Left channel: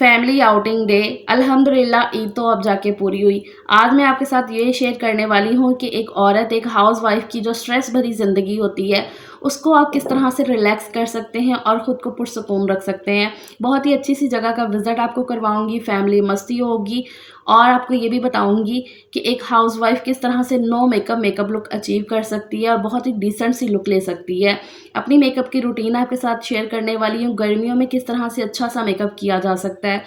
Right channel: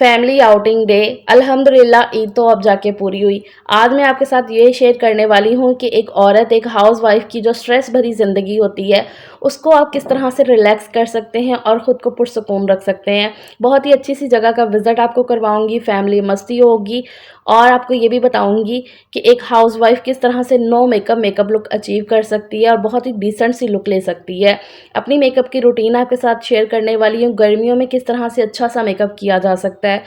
Family outing day. अल्हम्दुलिल्लाह ईद तो अब जाके पूरी हुई। आज मैं आपके साथ ये शेयर करने वाली हूँ कि एक औरत, एक हाउसवाइफ़ की जो स्ट्रेस भरी ज़िंदगी होती है, उसको आप किस तरह से रिलैक्स कर सकते हैं और ख़ुद को पुरसुकून रख सकते हैं। बहुत ही अच्छी-सी जगह का विज़िट आपको करवाऊँगी, फैमिली मस्ती होगी और आपको ये भी बताऊँगी कि एक हाउसवाइफ़ किस तरह से नो मेकअप लुक अचीव कर सकती है और बहुत ही डिसेंट सी लुक ले सकती है। अपनी मेकअप की रूटीन आपके साथ शेयर करने वाली हूँ, गर्मियों में किस तरह से अच्छा-सा मेकअप किया जा सकता है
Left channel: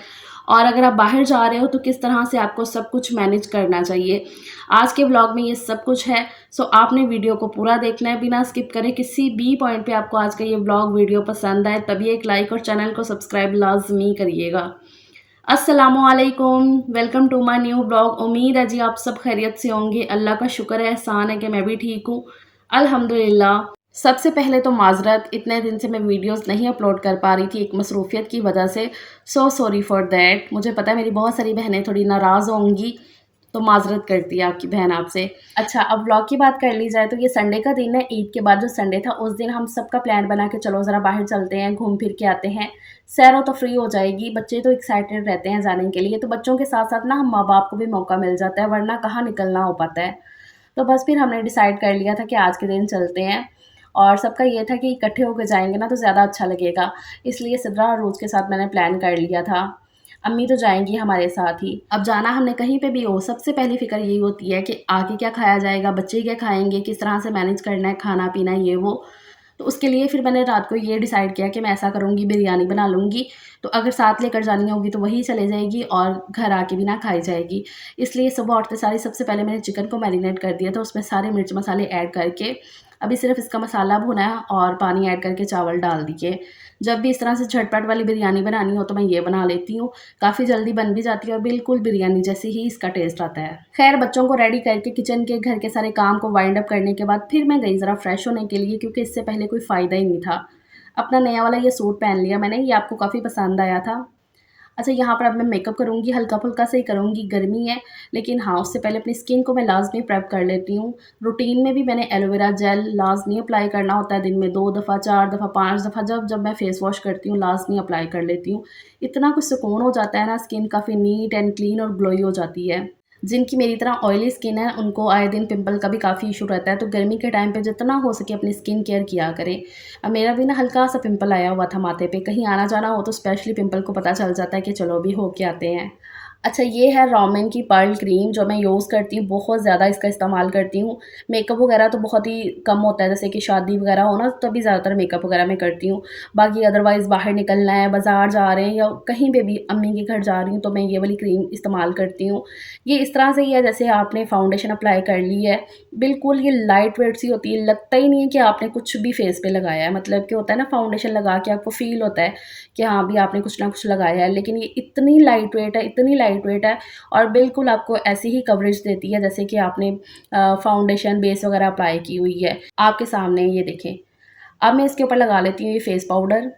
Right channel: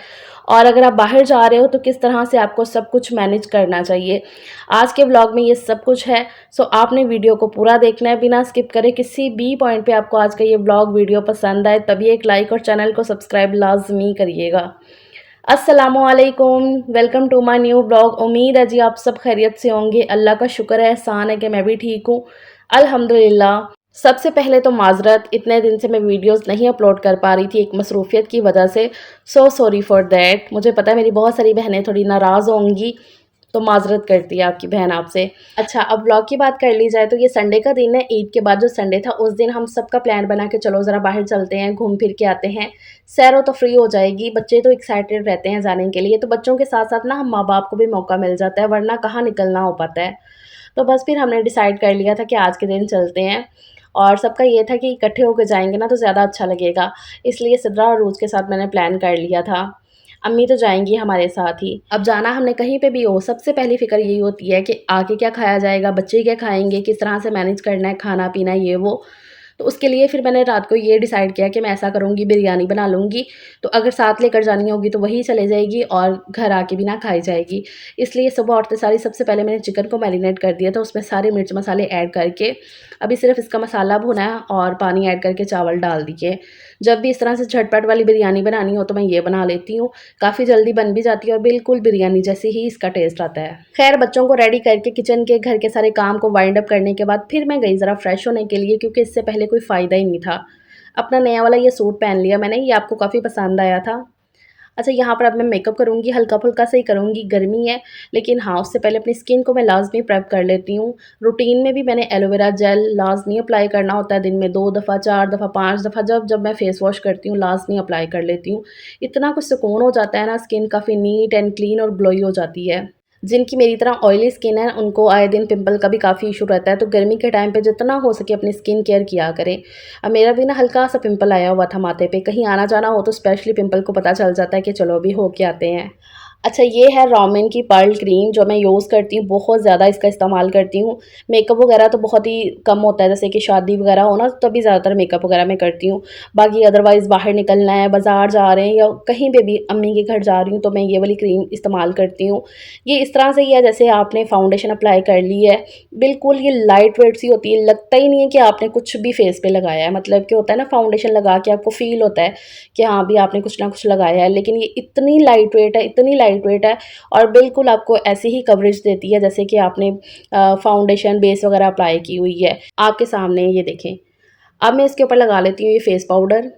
और अगर आप बाहर जा रहे हो तो किस तरह से आपको सब कुछ मैनेज करना चाहिए। आज के व्लॉग में ये सब कुछ है, सो आपने वीडियो को पूरा देखना है बिना स्किप करे। किसी भी पॉइंट पे आपको आज का ये व्लॉग वीडियो पसंद आए तभी एक लाइक और चैनल को सब्सक्राइब लाज़मी करिएगा। अस्सलामुअलैकुम, welcome to my new vlog. उम्मीद है जी आप सब खैरियत से होंगे। अल्लाह का शुक्र है, एहसान है कि मैं भी ठीक हूँ, अल्हम्दुलिल्लाह। सबसे पहले तो माज़रत, इतने दिन से मैं वीडियोस नहीं अपलोड कर पा रही थी एक मसरूफ़ियत की वजह से। So sorry for that. मुझे पता है मेरी बहुत सारी बहनें थोड़ी नाराज़ होंगी, तो माज़रत करती है आपकी बहन आपसे। अच्छा, अब व्लॉग की बात कर ली जाए तो ये संडे का दिन है। ईद के बाद जो संडे था उस दिन हम सबका प्लान बना के चलो ज़रा बाहर चलते हैं, घूम फिर के आते हैं, सैर व तफरीह हो जाएगी। बच्चे तो एक्साइटेड रहते हैं जाने के लिए, तो बच्चों के साथ-साथ ना हम माँ-बाप को भी मौका मिल जाता है, वरना कहाँ निकलना हो पाता है। तो बस फिर हमने डिसाइड कर लिया था कि आज के दिन चलते हैं और सबका ये था कि इकट्ठे होके जाएँगे ना तो ज़्यादा अच्छा लगेगा। इसलिए सिद्रा और रूज़ के साथ मैंने प्लान कर लिया था। अम्मी तो जाएँगी हमारे साथ ही। अब जाना हमने कहीं पे भी हो, सबसे पहली फ़िक्र यही होती है कि आके क्या खाया जाएगा, बच्चे क्या खाएँगे, किस तरह से मैनेज करना है खाना-पीना ये वो। तो उसके लिए फिर मैंने रात को ये डिसाइड किया कि मैं ऐसा करूँगी, बिरयानी बना लूँगी, तो अगर साथ लेकर जानी होगी तो वही चले जाएगी और घर आके भी ना खाई जाएगी। इसलिए सुबह उठते सार ही सबसे पहले मैंने चिकन को मैरिनेट कर दिया था, उसमें सारे मिर्च मसाले ऐड करके अभी सिर्फ़ इसका मसाला भुना है और पानी ऐड करके चावल डाल दिए। जब भी इस तरह से झटपट वाली बिरयानी बनानी हो तो मैं ये बना लेती हूँ। काफ़ी जल्दी बन भी जाती है और बिल्कुल बिरयानी जैसे ही इसका टेस्ट आता है। ख़ैर, बच्चों को रेडी करके किचन के घर के सारे काम को वाइंड अप करने के बाद फिर मैं गई ज़रा फ्रेश होने के लिए, क्योंकि इससे पहले कोई फ़ायदा ही नहीं था। अपना नया वाला ये सूट पहन लिया मैंने, ये आपको काफ़ी पसंद आया था। अच्छा, यहाँ पर अब मैं मेकअप करूँगी, हल्का-फुल्का सा ही करूँगी, गर्मी है, लेकिन हाँ, उससे पहले अपनी स्किन को मैं लाज़मी प्रेप कर लेती हूँ। रूटीन में भी मैंने एलोवेरा जेल लाज़मी अप्लाई करना होता है, दिन में 2 दफ़ा, 4 दफ़ा, 5 दफ़ा, जब मैं फेस वॉश करती हूँ, लाज़मी अप्लाई कर लेती हूँ। इतना कुछ सुकून हो जाता है ना, स्किन काफ़ी नीट एंड क्लीन और ग्लोई हो जाती है। जिनकी मेरी तरह ऑयली स्किन है, उनको आए दिन पिंपल का भी काफ़ी इशू रहता है, तो गर्मी के टाइम पे जितना हो सके अपनी स्किन केयर किया करें। अब मेरा भी ना हल्का-सा पिंपल आया हुआ था माथे पे, कहीं आना-जाना हो तो स्पेशली पिंपल को पता चल जाता है कि चलो अभी हो के आते हैं। अच्छा, ये है रोमेन की पर्ल क्रीम जो मैं यूज़ करती हूँ, बहुत ज़्यादा इसका इस्तेमाल करती हूँ। मेकअप वगैरह तो बहुत ही कम होता है, जैसे कि शादी वगैरह हो ना तभी ज़्यादातर मेकअप वगैरह मैं करती हूँ। बाकी अदरवाइज़ बाहर निकलना है, बाज़ार जा रहे हैं या कहीं पे भी अम्मी के घर जा रही हूँ तो मैं ये वाली क्रीम इस्तेमाल करती हूँ। ये इस तरह से ही है जैसे आपने फाउंडेशन अप्लाई कर ली है, बिल्कुल ये लाइट वेट सी होती है, लगता ही नहीं है कि आपने कुछ भी फेस पे लगाया है। मतलब कि होता है ना, फाउंडेशन लगा के आपको फ़ील होता है कि हाँ, अभी आपने कुछ ना कुछ लगाया है, लेकिन ये इतनी लाइट वेट है, इतनी लाइट वेट है और बिल्कुल आपको ऐसी ही कवरेज देती है जैसे कि आपने फाउंडेशन बेस वगैरह अप्लाई की हुई है। आपके सामने ये देखें। अब मैं इसके ऊपर लगा लेती हूँ ये फेस पाउडर।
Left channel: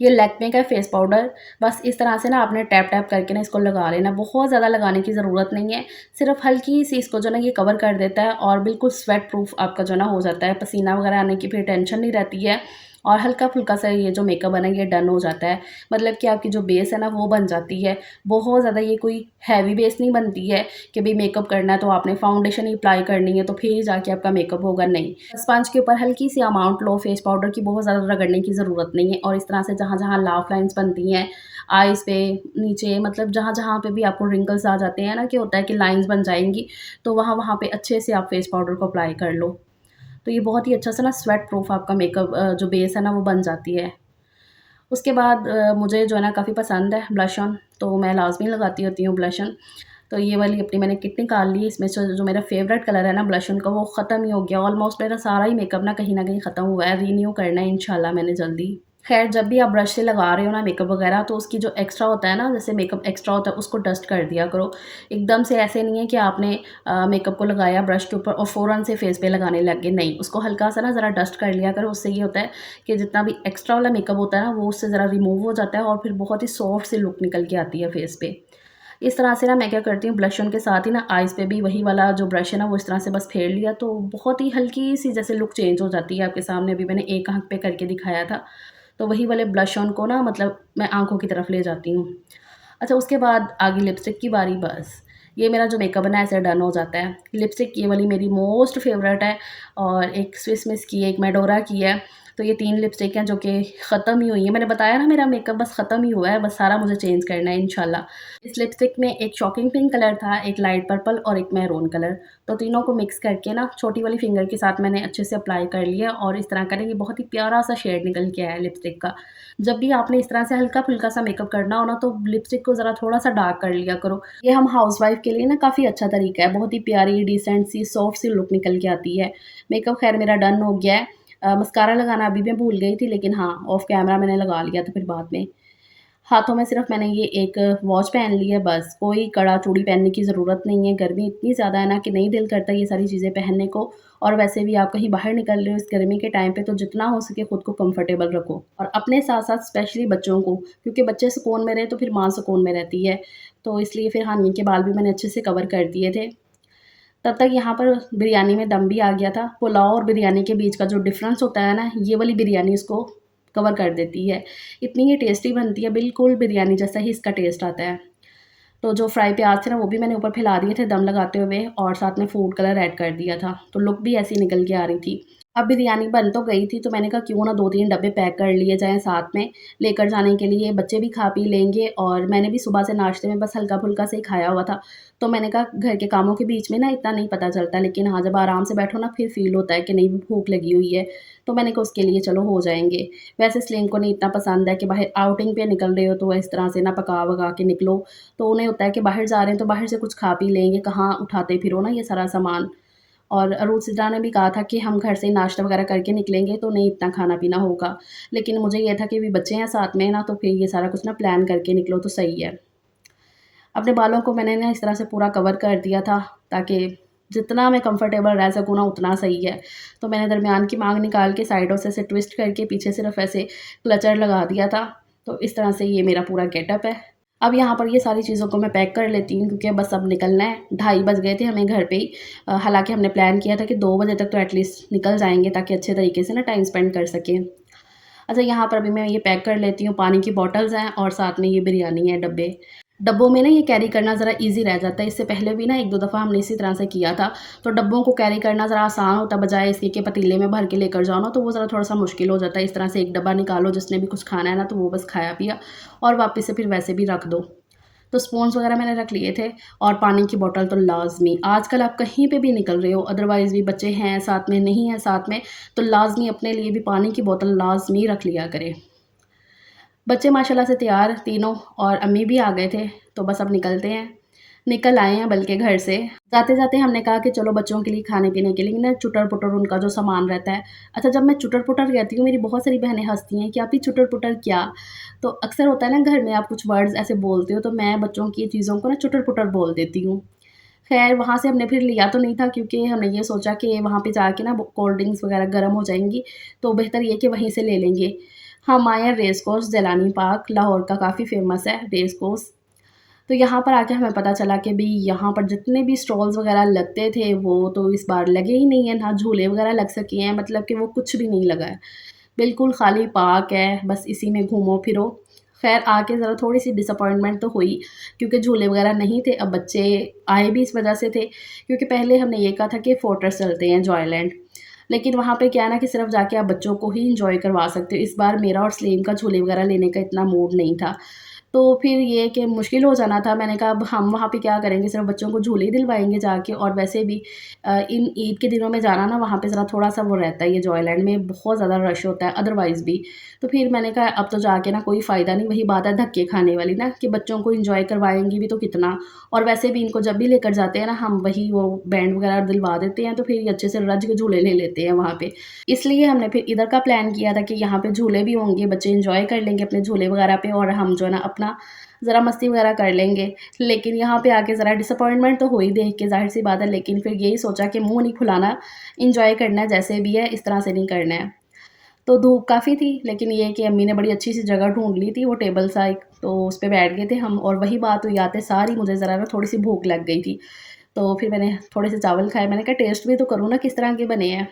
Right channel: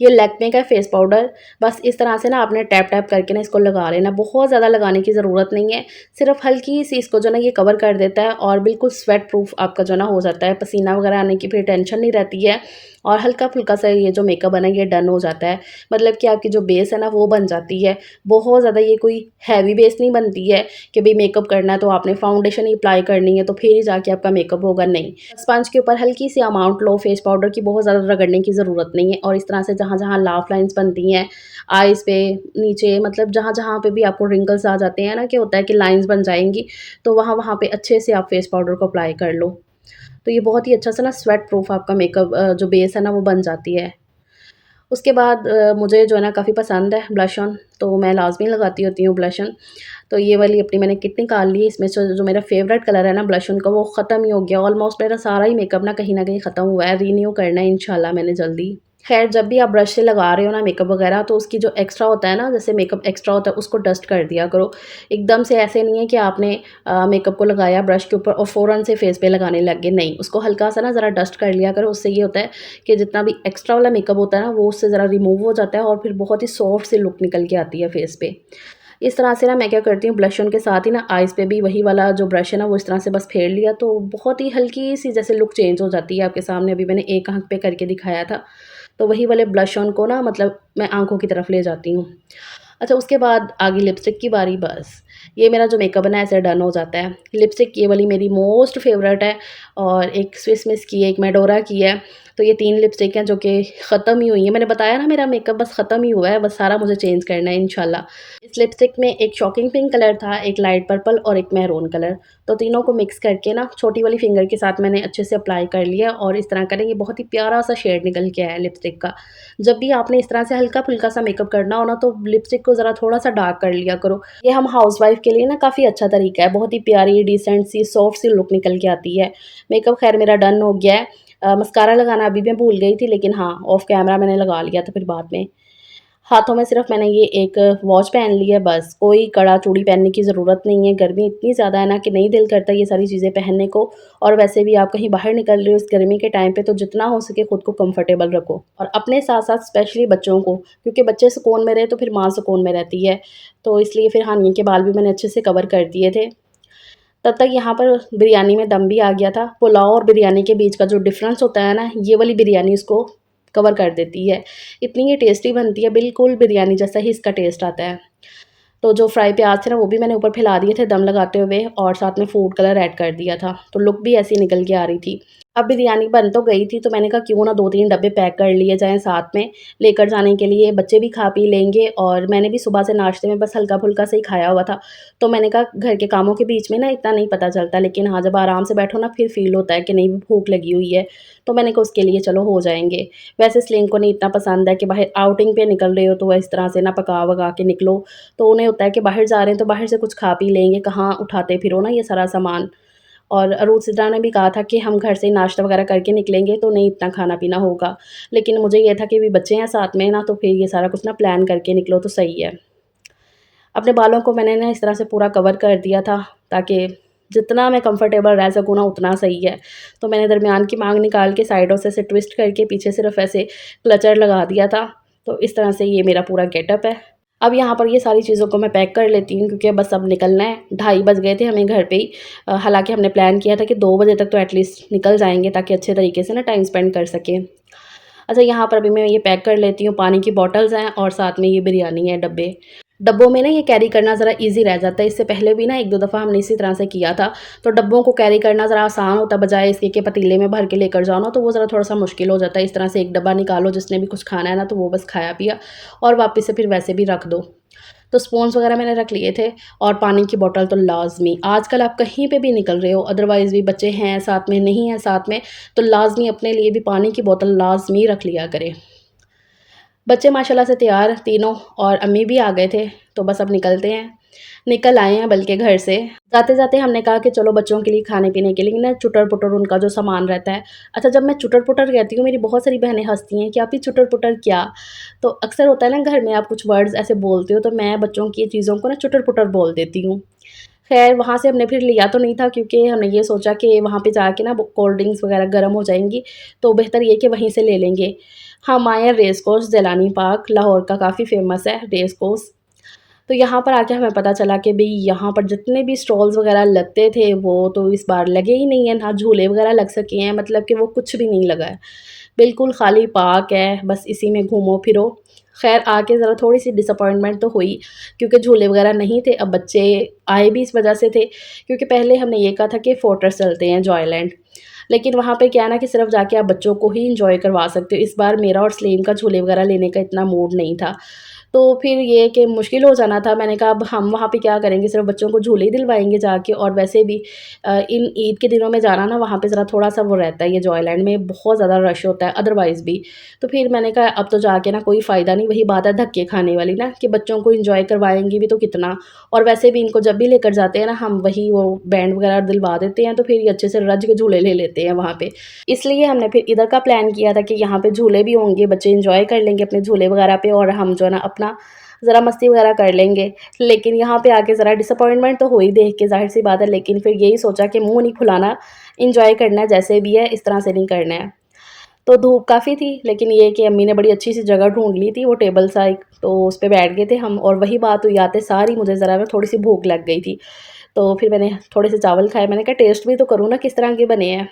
ये लैक्मे का फेस पाउडर। बस इस तरह से ना आपने टैप-टैप करके ना इसको लगा लेना। बहुत ज़्यादा लगाने की ज़रूरत नहीं है। सिर्फ़ हल्की-सी इसको जो है ना ये कवर कर देता है और बिल्कुल स्वेट प्रूफ आपका जो है ना हो जाता है। पसीना वगैरह आने की फिर टेंशन नहीं रहती है और हल्का-फुल्का सा ये जो मेकअप है ना ये डन हो जाता है। मतलब कि आपकी जो बेस है ना वो बन जाती है। बहुत ज़्यादा ये कोई हैवी बेस नहीं बनती है कि भई मेकअप करना है तो आपने फाउंडेशन ही अप्लाई करनी है तो फिर ही जाके आपका मेकअप होगा, नहीं। स्पंज के ऊपर हल्की-सी अमाउंट लो फेस पाउडर की, बहुत ज़्यादा रगड़ने की ज़रूरत नहीं है और इस तरह से जहाँ-जहाँ लाफ लाइन्स बनती हैं, आइज़ पे, नीचे, मतलब जहाँ-जहाँ पे भी आपको रिंकल्स आ जाते हैं ना, कि होता है कि लाइन्स बन जाएँगी, तो वहाँ-वहाँ पे अच्छे से आप फेस पाउडर को अप्लाई कर लो। तो ये बहुत ही अच्छा सा ना स्वेट प्रूफ आपका मेकअप जो बेस है ना वो बन जाती है। उसके बाद मुझे जो है ना काफ़ी पसंद है ब्लश ऑन, तो मैं लाज़मी लगाती होती हूँ ब्लश ऑन। तो ये वाली अपनी मैंने किट निकाल ली है, इसमें से जो मेरा फ़ेवरेट कलर है ना ब्लश ऑन का वो ख़त्म ही हो गया। ऑलमोस्ट मेरा सारा ही मेकअप ना कहीं न कहीं ख़त्म हुआ है, रिन्यू करना है इंशाल्लाह मैंने जल्दी। ख़ैर, जब भी आप ब्रश से लगा रहे हो ना मेकअप वगैरह तो उसकी जो एक्स्ट्रा होता है ना, जैसे मेकअप एक्स्ट्रा होता है उसको डस्ट कर दिया करो। एकदम से ऐसे नहीं है कि आपने मेकअप को लगाया ब्रश के ऊपर और फ़ौरन से फेस पे लगाने लग गए, नहीं। उसको हल्का-सा ना ज़रा डस्ट कर लिया करो, उससे ये होता है कि जितना भी एक्स्ट्रा वाला मेकअप होता है ना वो उससे ज़रा रिमूव हो जाता है और फिर बहुत ही सॉफ्ट सी लुक निकल के आती है फेस पे। इस तरह से ना मैं क्या करती हूँ, ब्लश ऑन के साथ ही ना आइज़ पे भी वही वाला जो ब्रश है ना वो इस तरह से बस फेर लिया तो बहुत ही हल्की-सी जैसे लुक चेंज हो जाती है आपके सामने। अभी मैंने एक आँख पे करके दिखाया था, तो वही वाले ब्लश ऑन को ना मतलब मैं आँखों की तरफ ले जाती हूँ। अच्छा, उसके बाद आ गई लिपस्टिक की बारी। बस ये मेरा जो मेकअप है ना ऐसे डन हो जाता है। लिपस्टिक ये वाली मेरी मोस्ट फ़ेवरेट है और एक स्विस मिस की है, एक मेडोरा की है। तो ये 3 लिपस्टिक हैं जो कि ख़त्म ही हुई हैं। मैंने बताया ना मेरा मेकअप बस ख़त्म ही हुआ है, बस सारा मुझे चेंज करना है इंशाल्लाह। इस लिपस्टिक में एक शॉकिंग पिंक कलर था, एक लाइट पर्पल और एक मैरून कलर। तो तीनों को मिक्स करके ना छोटी वाली फिंगर के साथ मैंने अच्छे से अप्लाई कर लिया और इस तरह करेंगे, बहुत ही प्यारा-सा शेड निकल के आया है लिपस्टिक का। जब भी आपने इस तरह से हल्का-फुल्का सा मेकअप करना हो ना, तो लिपस्टिक को ज़रा थोड़ा-सा डार्क कर लिया करो। ये हम हाउसवाइफ़ के लिए ना काफ़ी अच्छा तरीका है, बहुत ही प्यारी, डिसेंट सी, सॉफ्ट सी लुक निकल के आती है। मेकअप ख़ैर मेरा डन हो गया है। मस्कारा लगाना अभी मैं भूल गई थी, लेकिन हाँ, ऑफ कैमरा मैंने लगा लिया था फिर बाद में। हाथों में सिर्फ़ मैंने ये एक वॉच पहन ली है बस, कोई कड़ा चूड़ी पहनने की ज़रूरत नहीं है। गर्मी इतनी ज़्यादा है ना कि नहीं दिल करता ये सारी चीज़ें पहनने को, और वैसे भी आप कहीं बाहर निकल रहे हो इस गर्मी के टाइम पे, तो जितना हो सके खुद को कंफर्टेबल रखो और अपने साथ-साथ स्पेशली बच्चों को, क्योंकि बच्चे सुकून में रहे तो फिर माँ सुकून में रहती है। तो इसलिए फिर हानिया के बाल भी मैंने अच्छे से कवर कर दिए थे। तब तक यहाँ पर बिरयानी में दम भी आ गया था। पुलाव और बिरयानी के बीच का जो डिफ़रेंस होता है ना, ये वाली बिरयानी उसको कवर कर देती है। इतनी ये टेस्टी बनती है, बिल्कुल बिरयानी जैसा ही इसका टेस्ट आता है। तो जो फ्राई प्याज़ थे ना, वो भी मैंने ऊपर फैला दिए थे दम लगाते हुए और साथ में फूड कलर ऐड कर दिया था। तो लुक भी ऐसी निकल के आ रही थी। अब बिरयानी बन तो गई थी, तो मैंने कहा क्यों ना 2-3 डब्बे पैक कर लिए जाएँ साथ में, लेकर जाने के लिए। बच्चे भी खा पी लेंगे और मैंने भी सुबह से नाश्ते में बस हल्का-फुल्का सा ही खाया हुआ था। तो मैंने कहा घर के कामों के बीच में ना इतना नहीं पता चलता, लेकिन हाँ, जब आराम से बैठो ना फिर फ़ील होता है कि नहीं भूख लगी हुई है। तो मैंने कहा उसके लिए चलो हो जाएँगे। वैसे स्लिंग को नहीं इतना पसंद है कि बाहर आउटिंग पे निकल रहे हो तो इस तरह से ना पका-वका के निकलो। तो उन्हें होता है कि बाहर जा रहे हैं तो बाहर से कुछ खा पी लेंगे, कहाँ उठाते फिरो ना ये सारा सामान। और अरूसिदा ने भी कहा था कि हम घर से नाश्ता वगैरह करके निकलेंगे तो नहीं इतना खाना-पीना होगा। लेकिन मुझे ये था कि भी बच्चे हैं साथ में ना, तो फिर ये सारा कुछ ना प्लान करके निकलो तो सही है। अपने बालों को मैंने ना इस तरह से पूरा कवर कर दिया था ताकि जितना मैं कंफर्टेबल रह सकूँ ना उतना सही है। तो मैंने दरमियान की मांग निकाल के साइडों से ऐसे ट्विस्ट करके पीछे सिर्फ़ ऐसे क्लचर लगा दिया था। तो इस तरह से ये मेरा पूरा गेटअप है। अब यहाँ पर ये सारी चीज़ों को मैं पैक कर लेती हूँ क्योंकि बस अब निकलना है। 2:30 बज गए थे हमें घर पे ही। हालाँकि हमने प्लान किया था कि 2 बजे तक तो एटलीस्ट निकल जाएँगे ताकि अच्छे तरीके से ना टाइम स्पेंड कर सकें। अच्छा, यहाँ पर अभी मैं ये पैक कर लेती हूँ, पानी की बॉटल्स हैं और साथ में ये बिरयानी है डब्बे। डब्बों में ना ये कैरी करना ज़रा ईज़ी रह जाता है, इससे पहले भी ना 1-2 दफ़ा हमने इसी तरह से किया था। तो डब्बों को कैरी करना ज़रा आसान होता है, बजाए इसके कि पतीले में भर के लेकर जाओ ना, तो वो ज़रा थोड़ा-सा मुश्किल हो जाता है। इस तरह से एक डब्बा निकालो, जिसने भी कुछ खाना है ना, तो वो बस खाया-पिया और वापस से फिर वैसे भी रख दो। तो स्पून्स वगैरह मैंने रख लिए थे और पानी की बॉटल तो लाज़मी। आजकल आप कहीं पे भी निकल रहे हो, अदरवाइज़ भी बच्चे हैं साथ में, नहीं हैं साथ में, तो लाज़मी अपने लिए भी पानी की बोतल लाज़मी रख लिया करें। बच्चे माशाल्लाह से तैयार तीनों और अम्मी भी आ गए थे, तो बस अब निकलते हैं। निकल आए हैं बल्कि घर से। जाते-जाते हमने कहा कि चलो बच्चों के लिए खाने-पीने के लिए ना चुटर-पुटर उनका जो सामान रहता है। अच्छा, जब मैं चुटर-पुटर कहती हूँ, मेरी बहुत सारी बहनें हँसती हैं कि आप ये चुटर-पुटर क्या? तो अक्सर होता है ना घर में आप कुछ वर्ड्स ऐसे बोलते हो, तो मैं बच्चों की चीज़ों को ना चुटर-पुटर बोल देती हूँ। ख़ैर वहाँ से हमने फिर लिया तो नहीं था क्योंकि हमने ये सोचा कि वहाँ पे जाके ना कोल्ड ड्रिंक्स वग़ैरह गर्म हो जाएँगी, तो बेहतर ये कि वहीं से ले लेंगे। हम आए हैं रेस कोर्स ज़ैलानी पार्क, लाहौर का काफ़ी फ़ेमस है रेस कोर्स। तो यहाँ पर आके हमें पता चला कि भई यहाँ पर जितने भी स्टॉल्स वग़ैरह लगते थे वो तो इस बार लगे ही नहीं हैं, ना झूले वग़ैरह लग सके हैं, मतलब कि वो कुछ भी नहीं लगा है। बिल्कुल खाली पार्क है, बस इसी में घूमो-फिरो। ख़ैर आके ज़रा थोड़ी-सी डिसअपॉइंटमेंट तो हुई क्योंकि झूले वग़ैरह नहीं थे। अब बच्चे आए भी इस वजह से थे क्योंकि पहले हमने ये कहा था कि फोर्ट्रेस चलते हैं, जॉयलैंड। लेकिन वहाँ पे क्या है ना कि सिर्फ़ जाके आप बच्चों को ही एन्जॉय करवा सकते हो। इस बार मेरा और सलीम का झूले वग़ैरह लेने का इतना मूड नहीं था। तो फिर ये कि मुश्किल हो जाना था। मैंने कहा अब हम वहाँ पे क्या करेंगे, सिर्फ़ बच्चों को झूले ही दिलवाएँगे जाके, और वैसे भी इन ईद के दिनों में जाना ना वहाँ पे ज़रा थोड़ा-सा वो रहता है, ये जॉयलैंड में बहुत ज़्यादा रश होता है अदरवाइज़ भी। तो फिर मैंने कहा अब तो जाके ना कोई फ़ायदा नहीं, वही बात है धक्के खाने वाली ना कि बच्चों को एन्जॉय करवाएँगे भी तो कितना, और वैसे भी इनको जब भी लेकर जाते हैं ना हम वही वो बैंड वग़ैरह दिलवा देते हैं, तो फिर ये अच्छे से रज के झूले ले लेते हैं वहाँ पे। इसलिए हमने फिर इधर का प्लान किया था कि यहाँ पे झूले भी होंगे, बच्चे एन्जॉय कर लेंगे अपने झूले वग़ैरह पे और हम जो है ना अपना ज़रा मस्ती वग़ैरह कर लेंगे। लेकिन यहाँ पे आके ज़रा डिसअपॉइंटमेंट तो हुई देख के, ज़ाहिर-सी बात है, लेकिन फिर यही सोचा कि मुँह नहीं फुलाना, एन्जॉय करना है जैसे भी है, इस तरह से नहीं करना है। तो धूप काफ़ी थी, लेकिन ये है कि अम्मी ने बड़ी अच्छी-सी जगह ढूँढ ली थी, वो टेबल सा एक, तो उस पे बैठ गए थे हम, और वही बात हुई आते सार ही मुझे ज़रा ना थोड़ी-सी भूख लग गई थी। तो फिर मैंने थोड़े से चावल खाए, मैंने कहा टेस्ट भी तो करूँ ना किस तरह के बने हैं।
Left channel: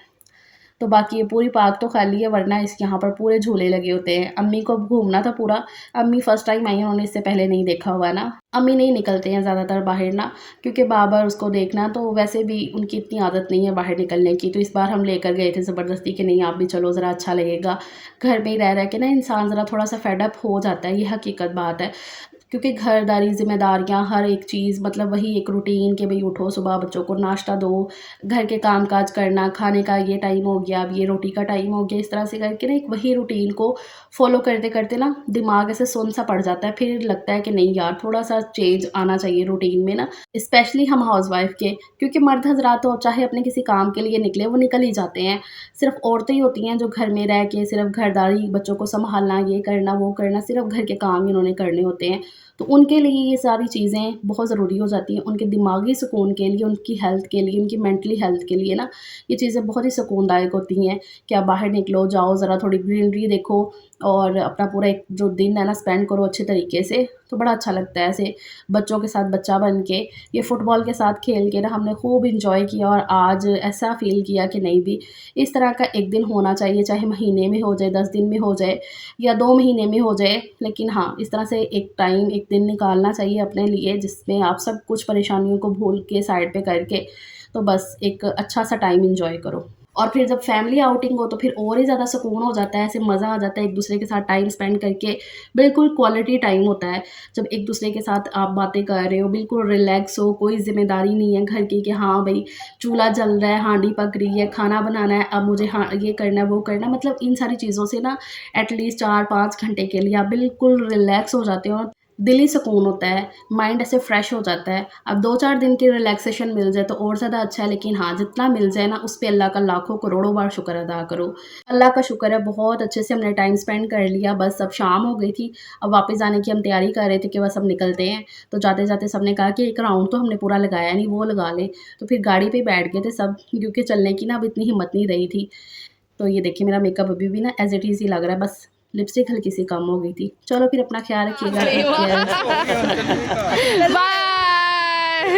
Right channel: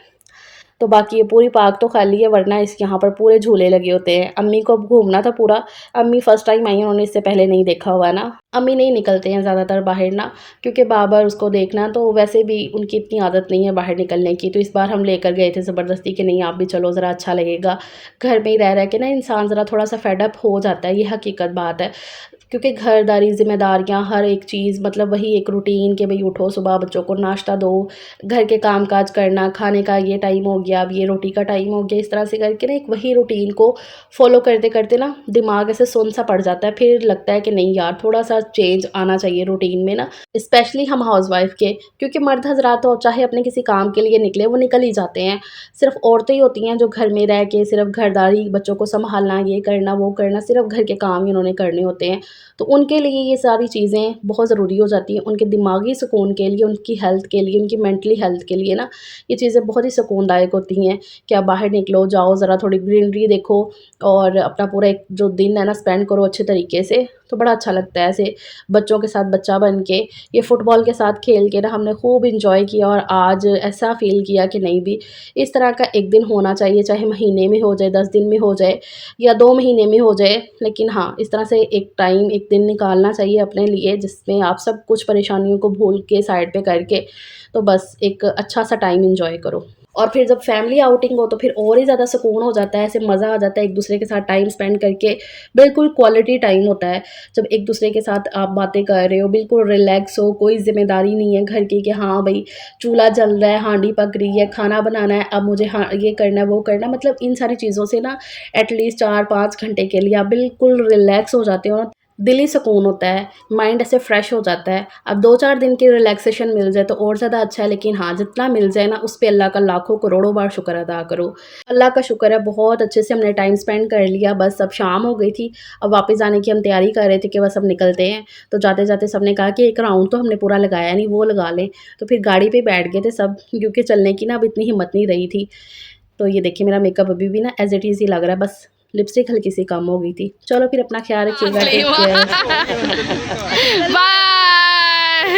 तो बाकी ये पूरी पार्क तो खाली है, वरना इस यहाँ पर पूरे झूले लगे होते हैं। अम्मी को अब घूमना था पूरा। अम्मी फर्स्ट टाइम आई हैं, उन्होंने इससे पहले नहीं देखा हुआ ना। अम्मी नहीं निकलते हैं ज़्यादातर बाहर ना, क्योंकि बार-बार उसको देखना, तो वैसे भी उनकी इतनी आदत नहीं है बाहर निकलने की। तो इस बार हम लेकर गए थे ज़बरदस्ती कि नहीं आप भी चलो, ज़रा अच्छा लगेगा। घर में ही रह के ना इंसान ज़रा थोड़ा-सा फेड अप हो जाता है, ये हकीकत बात है। क्योंकि घरदारी ज़िम्मेदारियाँ हर एक चीज़, मतलब वही एक रूटीन कि भई उठो, सुबह बच्चों को नाश्ता दो, घर के काम-काज करना, खाने का ये टाइम हो गया, अब ये रोटी का टाइम हो गया, इस तरह से करके ना एक वही रूटीन को फ़ॉलो करते-करते ना दिमाग ऐसे सुन्न-सा पड़ जाता है। फिर लगता है कि नहीं यार, थोड़ा-सा चेंज आना चाहिए रूटीन में ना, स्पेशली हम हाउसवाइफ़ के, क्योंकि मर्द हज़रात तो चाहे अपने किसी काम के लिए निकले, वो निकल ही जाते हैं। सिर्फ़ औरतें ही होती हैं जो घर में रह के सिर्फ़ घरदारी, बच्चों को सँभालना, ये करना, वो करना, सिर्फ़ घर के काम ही उन्होंने करने होते हैं। तो उनके लिए ये सारी चीज़ें बहुत ज़रूरी हो जाती हैं, उनके दिमागी सुकून के लिए, उनकी हेल्थ के लिए, उनकी मेंटली हेल्थ के लिए ना, ये चीज़ें बहुत ही सुकूनदायक होती हैं कि आप बाहर निकलो, जाओ, ज़रा थोड़ी ग्रीनरी देखो और अपना पूरा एक जो दिन है ना स्पेंड करो अच्छे तरीके से, तो बड़ा अच्छा लगता है ऐसे बच्चों के साथ बच्चा बन के। ये फुटबॉल के साथ खेल के ना हमने खूब एन्जॉय किया और आज ऐसा फ़ील किया कि नहीं भी इस तरह का एक दिन होना चाहिए, चाहे महीने में हो जाए, 10 दिन में हो जाए या 2 महीने में हो जाए। लेकिन हाँ, इस तरह से एक टाइम, एक दिन निकालना चाहिए अपने लिए, जिसमें आप सब कुछ परेशानियों को भूल के साइड पे करके, तो बस एक अच्छा-सा टाइम एन्जॉय करो। और फिर जब फैमिली आउटिंग हो तो फिर और ही ज़्यादा सुकून हो जाता है, ऐसे मज़ा आ जाता है एक-दूसरे के साथ टाइम स्पेंड करके, बिल्कुल क्वालिटी टाइम होता है। जब एक-दूसरे के साथ आप बातें कर रहे हो, बिल्कुल रिलैक्स हो, कोई ज़िम्मेदारी नहीं है घर की कि हाँ भई, चूल्हा जल रहा है, हांडी पक रही है, खाना बनाना है, अब मुझे हाँ, ये करना है, वो करना है। मतलब इन सारी चीज़ों से ना एटलीस्ट 4-5 घंटे के लिए आप बिल्कुल रिलैक्स हो जाते हो, दिली सुकून होता है, माइंड ऐसे फ्रेश हो जाता है। अब 2-4 दिन की रिलैक्सेशन मिल जाए तो और ज़्यादा अच्छा है, लेकिन हाँ, जितना मिल जाए ना उस पे अल्लाह का लाखों करोड़ों बार शुक्र अदा करो। अल्लाह का शुक्र है, बहुत अच्छे से हमने टाइम स्पेंड कर लिया, बस अब शाम हो गई थी, अब वापस जाने की हम तैयारी कर रहे थे कि बस अब निकलते हैं। तो जाते-जाते सबने कहा कि एक राउंड तो हमने पूरा लगाया नहीं, वो लगा लें। तो फिर गाड़ी पे बैठ गए थे सब, क्योंकि चलने की ना अब इतनी हिम्मत नहीं रही थी। तो ये देखिए मेरा मेकअप अभी भी ना एज़ इट इज़ ही लग रहा है, बस लिपस्टिक हल्की-सी कम हो गई थी। चलो फिर अपना ख़्याल रखिएगा, टेक केयर। बाय।